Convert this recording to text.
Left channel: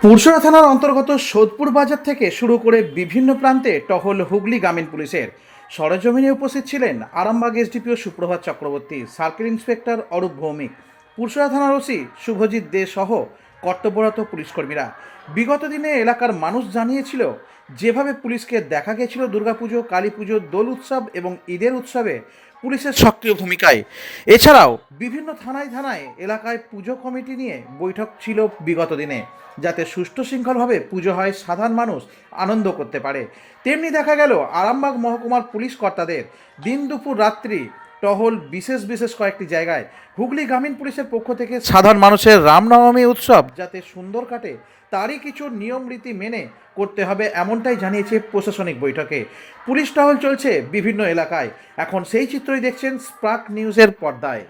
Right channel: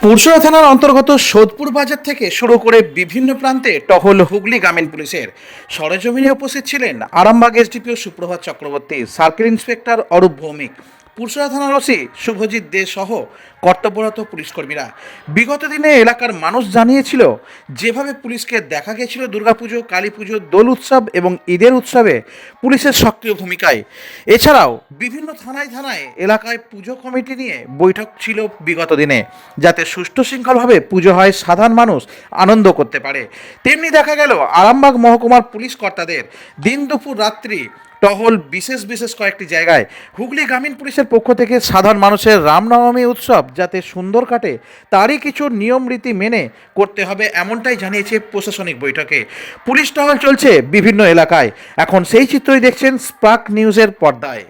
পুরসরা থানার অন্তর্গত সোদপুর বাজার থেকে শুরু করে বিভিন্ন প্রান্তে টহল হুগলি গ্রামীণ পুলিশের সরেজমিনে উপস্থিত ছিলেন Arambagh SDPO Suprabhat Chakraborty, circle inspector Arup Bhowmik Pursurah থানার ওসি শুভজিৎ দে সহ কর্তব্যরত পুলিশকর্মীরা। বিগত দিনে এলাকার মানুষ জানিয়েছিল, যেভাবে পুলিশকে দেখা গেছিল দুর্গাপুজো কালী পুজো দোল উৎসব এবং ঈদের উৎসবে পুলিশের সক্রিয় ভূমিকায়। এছাড়াও বিভিন্ন থানায় থানায় এলাকায় পুজো কমিটি নিয়ে বৈঠক ছিল বিগত দিনে, যাতে সুষ্ঠু শৃঙ্খলভাবে পুজো হয়, সাধারণ মানুষ আনন্দ করতে পারে। তেমনি দেখা গেল, আরামবাগ মহকুমার পুলিশ কর্তাদের দিন দুপুর রাত্রি টহল বিশেষ বিশেষ কয়েকটি জায়গায়। হুগলি গ্রামীণ পুলিশের পক্ষ থেকে সাধারণ মানুষের রামনবমী উৎসব যাতে সুন্দর কাটে, তারই কিছু নিয়ম রীতি মেনে করতে হবে এমনটাই জানিয়েছে প্রশাসনিক বৈঠকে। পুলিশ টহল চলছে বিভিন্ন এলাকায়। এখন সেই চিত্রই দেখছেন স্পার্ক নিউজের পর্দায়।